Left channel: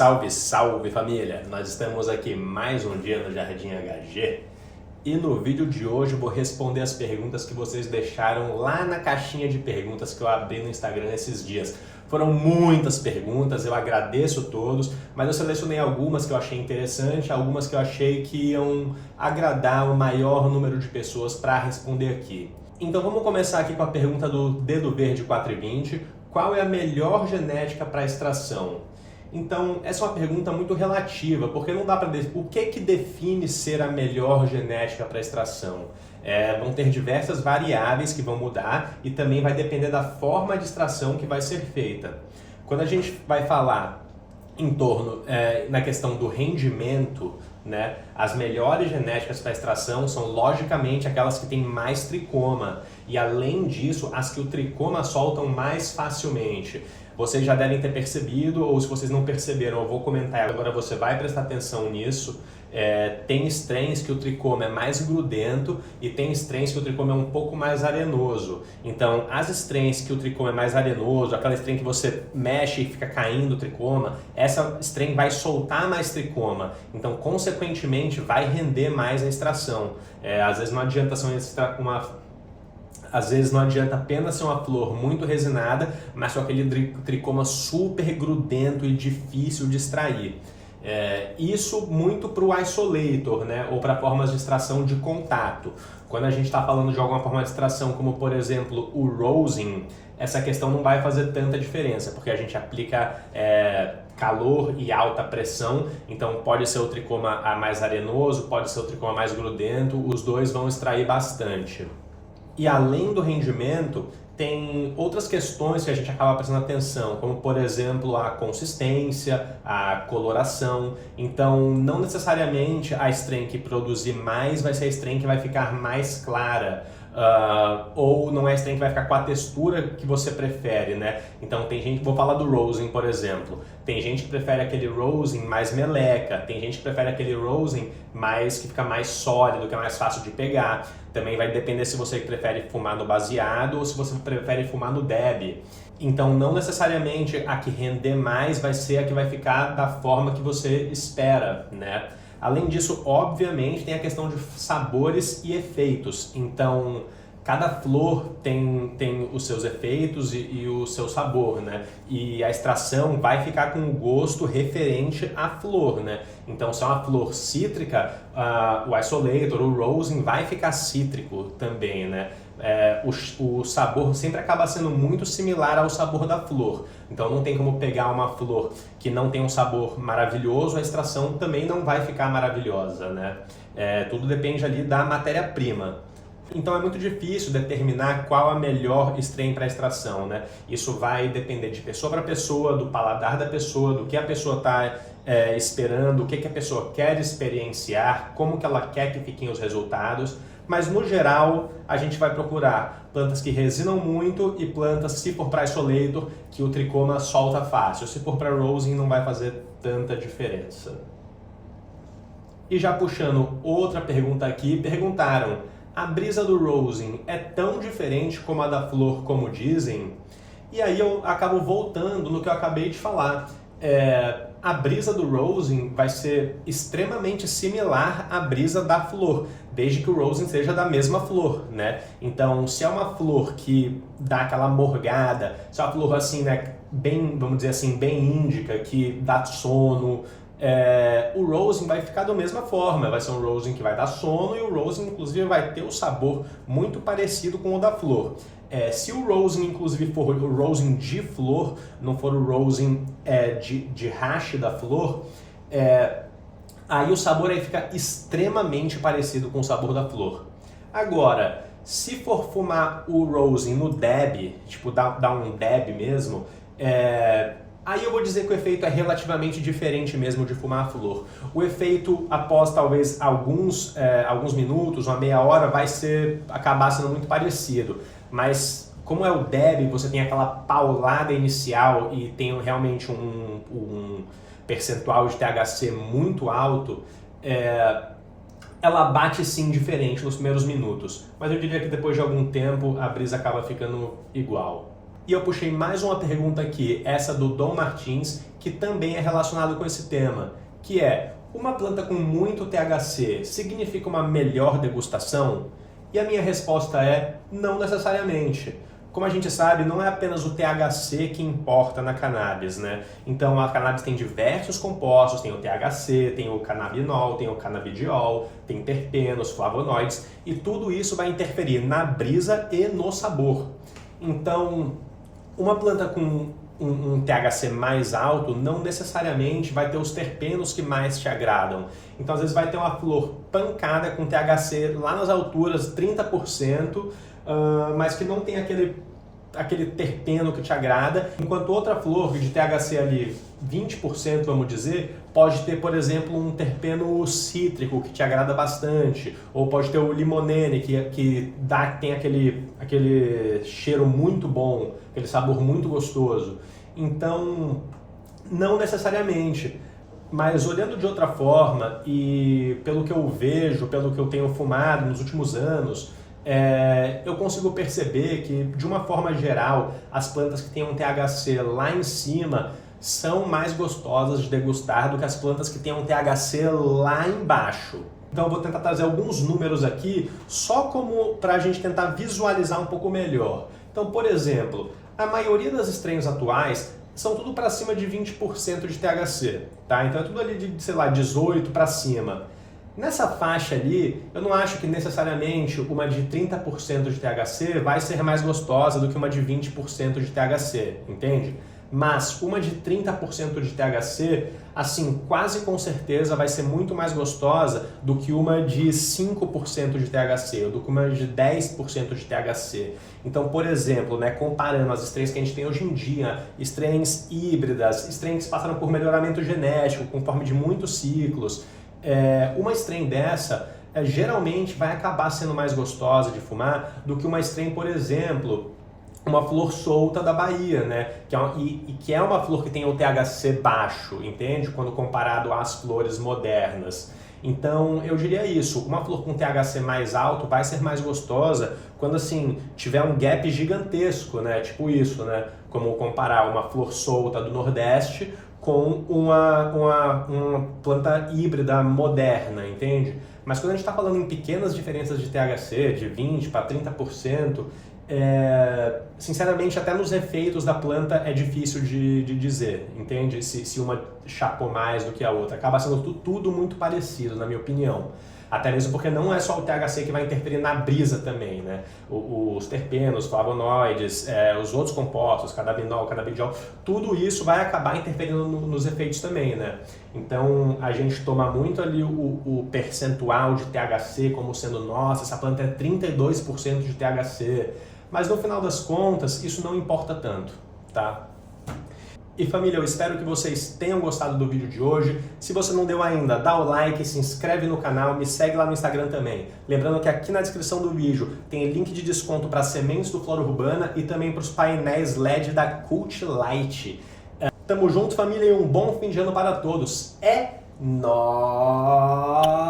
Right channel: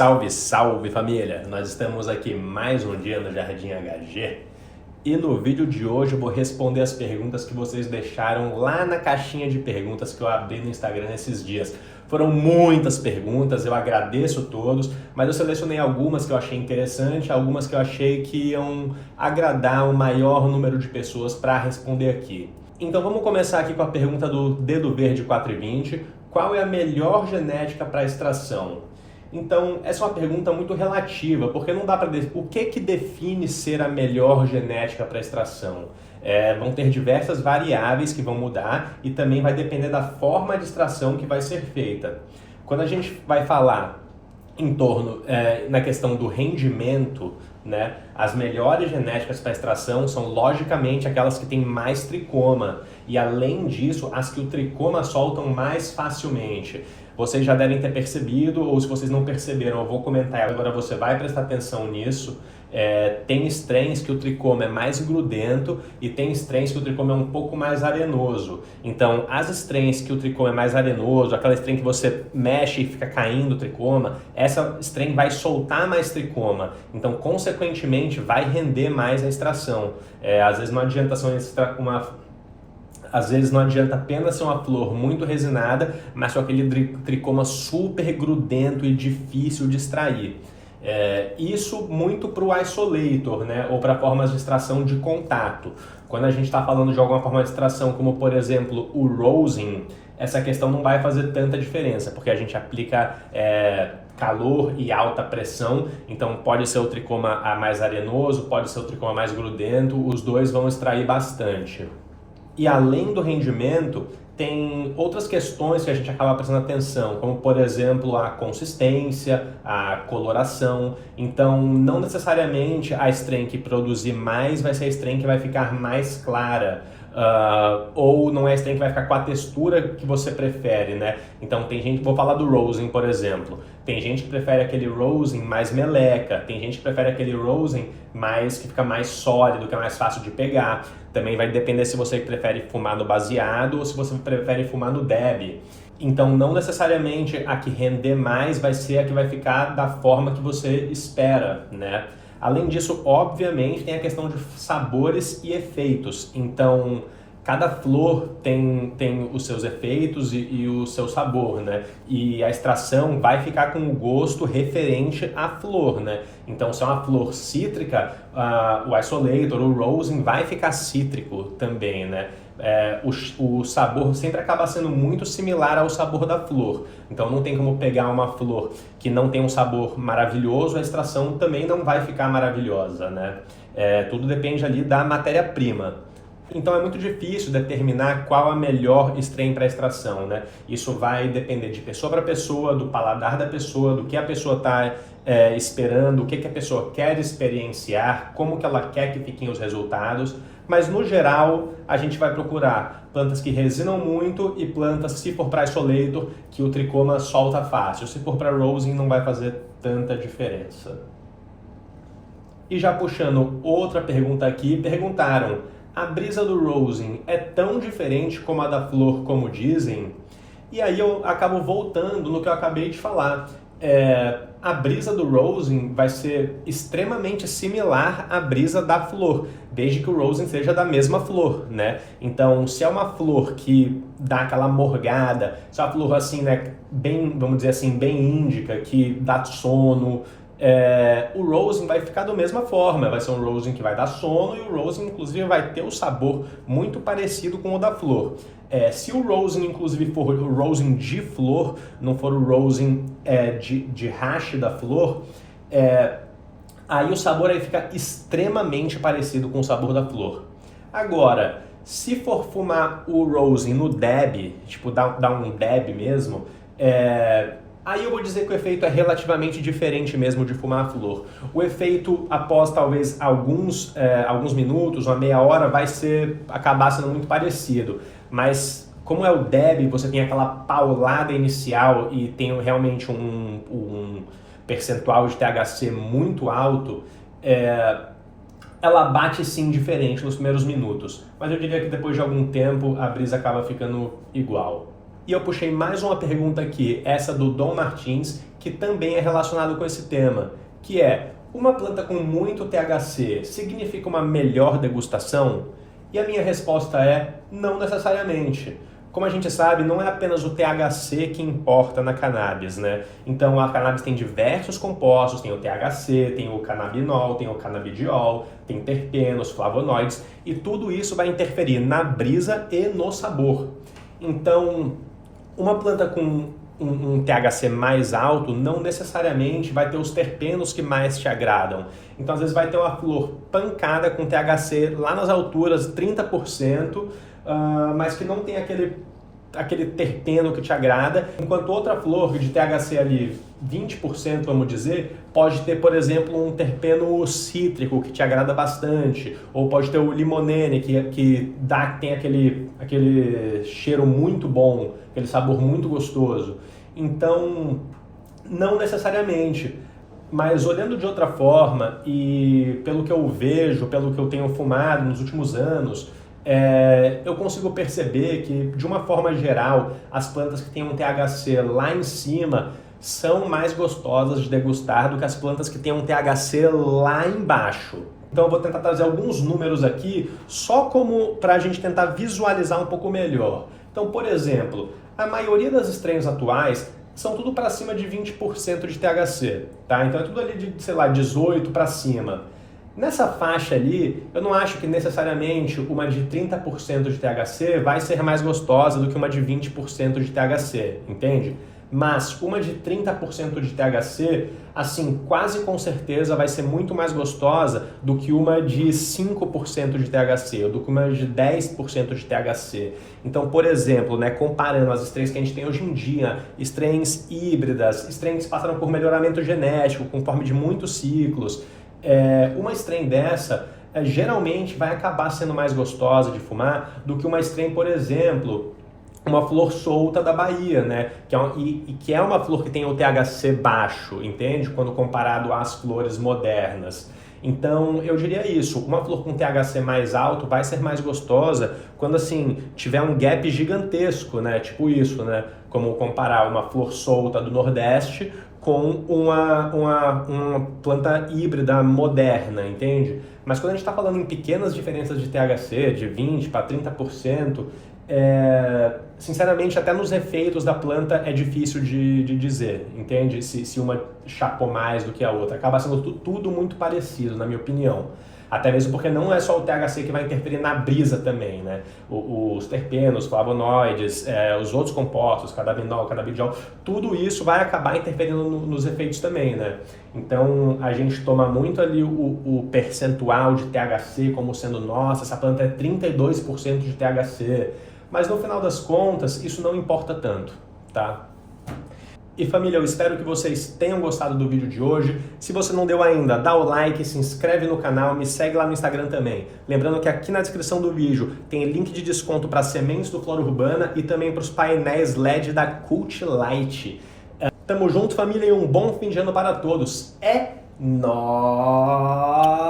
Salve, salve família! Nós estamos aqui mais um dia no Jardim HG e no vídeo de hoje eu vou responder as perguntas que vocês deixaram lá na caixinha de perguntas que eu abri no Instagram esses dias. Foram muitas perguntas, eu agradeço todos, mas eu selecionei algumas que eu achei interessante, algumas que eu achei que iam agradar o maior número de pessoas para responder aqui. Então vamos começar aqui com a pergunta do Dedo Verde 420. Qual é a melhor genética para extração? Então, essa é uma pergunta muito relativa, porque não dá para dizer o que define ser a melhor genética para extração. Vão ter diversas variáveis que vão mudar e também vai depender da forma de extração que vai ser feita. Quando a gente vai falar em torno na questão do rendimento, né, as melhores genéticas para extração são logicamente aquelas que têm mais tricoma e além disso as que o tricoma soltam mais facilmente. Vocês já devem ter percebido, ou se vocês não perceberam, eu vou comentar agora, você vai prestar atenção nisso. Tem strains que o tricoma é mais grudento e tem strains que o tricoma é um pouco mais arenoso. Então, as strains que o tricoma é mais arenoso, aquela strain que você mexe e fica caindo o tricoma, essa strain vai soltar mais tricoma. Então, consequentemente, vai render mais a extração. Às vezes não adianta apenas ser uma flor muito resinada, mas com aquele tricoma super grudento e difícil de extrair. Isso muito para o isolator, né? Ou para formas de extração de contato. Quando a gente está falando de alguma forma de extração, como por exemplo o rosin, essa questão não vai fazer tanta diferença, porque a gente aplica calor e alta pressão, então pode ser o tricoma mais arenoso, pode ser o tricoma mais grudento, os dois vão extrair bastante. E além do rendimento, tem outras questões que a gente acaba prestando atenção, como por exemplo a consistência, a coloração. Então não necessariamente a strain que produzir mais vai ser a strain que vai ficar mais clara. Ou não é a strain que vai ficar com a textura que você prefere, né? Então tem gente, vou falar do rosin, por exemplo. Tem gente que prefere aquele rosin mais meleca, tem gente que prefere aquele rosin que fica mais sólido, que é mais fácil de pegar. Também vai depender se você prefere fumar no baseado ou se você prefere fumar no dab. Então não necessariamente a que render mais vai ser a que vai ficar da forma que você espera, né? Além disso, obviamente, tem a questão de sabores e efeitos. Então, cada flor tem os seus efeitos e o seu sabor, né? E a extração vai ficar com o gosto referente à flor, né? Então, se é uma flor cítrica, o isolator, o rosin, vai ficar cítrico também, né? O sabor sempre acaba sendo muito similar ao sabor da flor. Então não tem como pegar uma flor que não tem um sabor maravilhoso, a extração também não vai ficar maravilhosa, né? Tudo depende ali da matéria-prima. Então é muito difícil determinar qual a melhor strain para extração, né? Isso vai depender de pessoa para pessoa, do paladar da pessoa, do que a pessoa está esperando, o que a pessoa quer experienciar, como que ela quer que fiquem os resultados. Mas no geral a gente vai procurar plantas que resinam muito e plantas, se for para isolator, que o tricoma solta fácil. Se for para rosin não vai fazer tanta diferença. E já puxando outra pergunta aqui, perguntaram: a brisa do rosin é tão diferente como a da flor, como dizem? E aí eu acabo voltando no que eu acabei de falar. A brisa do rosin vai ser extremamente similar à brisa da flor, desde que o rosin seja da mesma flor, né? Então, se é uma flor que dá aquela morgada, se é uma flor assim, né, bem, vamos dizer assim, bem índica, que dá sono, o rosin vai ficar da mesma forma, vai ser um rosin que vai dar sono e o rosin inclusive vai ter o sabor muito parecido com o da flor. Se o rosin inclusive for o rosin de flor, não for o rosin de hash da flor, aí o sabor aí fica extremamente parecido com o sabor da flor. Agora, se for fumar o rosin no dab, tipo dar um dab mesmo, aí eu vou dizer que o efeito é relativamente diferente mesmo de fumar a flor. O efeito, após talvez alguns minutos, uma meia hora, vai acabar sendo muito parecido. Mas como é o dab, você tem aquela paulada inicial e tem realmente um percentual de THC muito alto, ela bate sim diferente nos primeiros minutos. Mas eu diria que depois de algum tempo a brisa acaba ficando igual. E eu puxei mais uma pergunta aqui, essa do Dom Martins, que também é relacionado com esse tema, que é: uma planta com muito THC significa uma melhor degustação? E a minha resposta é: não necessariamente. Como a gente sabe, não é apenas o THC que importa na cannabis, né? Então a cannabis tem diversos compostos, tem o THC, tem o canabinol, tem o canabidiol, tem terpenos, flavonoides, e tudo isso vai interferir na brisa e no sabor. Então, uma planta com um THC mais alto não necessariamente vai ter os terpenos que mais te agradam. Então, às vezes vai ter uma flor pancada com THC lá nas alturas, 30%, mas que não tem aquele terpeno que te agrada, enquanto outra flor de THC ali 20%, vamos dizer, pode ter, por exemplo, um terpeno cítrico que te agrada bastante, ou pode ter o limonene que tem aquele cheiro muito bom, aquele sabor muito gostoso. Então, não necessariamente. Mas olhando de outra forma e pelo que eu vejo, pelo que eu tenho fumado nos últimos anos, eu consigo perceber que, de uma forma geral, as plantas que têm um THC lá em cima são mais gostosas de degustar do que as plantas que têm um THC lá embaixo. Então eu vou tentar trazer alguns números aqui, só como para a gente tentar visualizar um pouco melhor. Então, por exemplo, a maioria das strains atuais são tudo para cima de 20% de THC, tá? Então é tudo ali de, sei lá, 18 para cima. Nessa faixa ali, eu não acho que necessariamente uma de 30% de THC vai ser mais gostosa do que uma de 20% de THC, entende? Mas uma de 30% de THC, assim, quase com certeza vai ser muito mais gostosa do que uma de 5% de THC, ou do que uma de 10% de THC. Então, por exemplo, né, comparando as strains que a gente tem hoje em dia, strains híbridas, strains que passaram por melhoramento genético, conforme de muitos ciclos, uma strain dessa geralmente vai acabar sendo mais gostosa de fumar do que uma strain, por exemplo, uma flor solta da Bahia, né? Que é uma flor que tem o THC baixo, entende? Quando comparado às flores modernas. Então, eu diria isso, uma flor com THC mais alto vai ser mais gostosa quando, assim, tiver um gap gigantesco, né? Tipo isso, né? Como comparar uma flor solta do Nordeste com uma planta híbrida moderna, entende? Mas quando a gente está falando em pequenas diferenças de THC, de 20% para 30%, sinceramente, até nos efeitos da planta é difícil de dizer, entende? Se uma chapou mais do que a outra. Acaba sendo tudo muito parecido, na minha opinião. Até mesmo porque não é só o THC que vai interferir na brisa também, né? Os terpenos, flavonoides, os outros compostos, canabinol, canabidiol, tudo isso vai acabar interferindo nos efeitos também, né? Então, a gente toma muito ali o percentual de THC como sendo, nossa, essa planta é 32% de THC. Mas no final das contas, isso não importa tanto, tá? E família, eu espero que vocês tenham gostado do vídeo de hoje. Se você não deu ainda, dá o like, se inscreve no canal, me segue lá no Instagram também. Lembrando que aqui na descrição do vídeo tem link de desconto para sementes do Flora Urbana e também para os painéis LED da Cult Light. Tamo junto, família, e um bom fim de ano para todos. É nóis!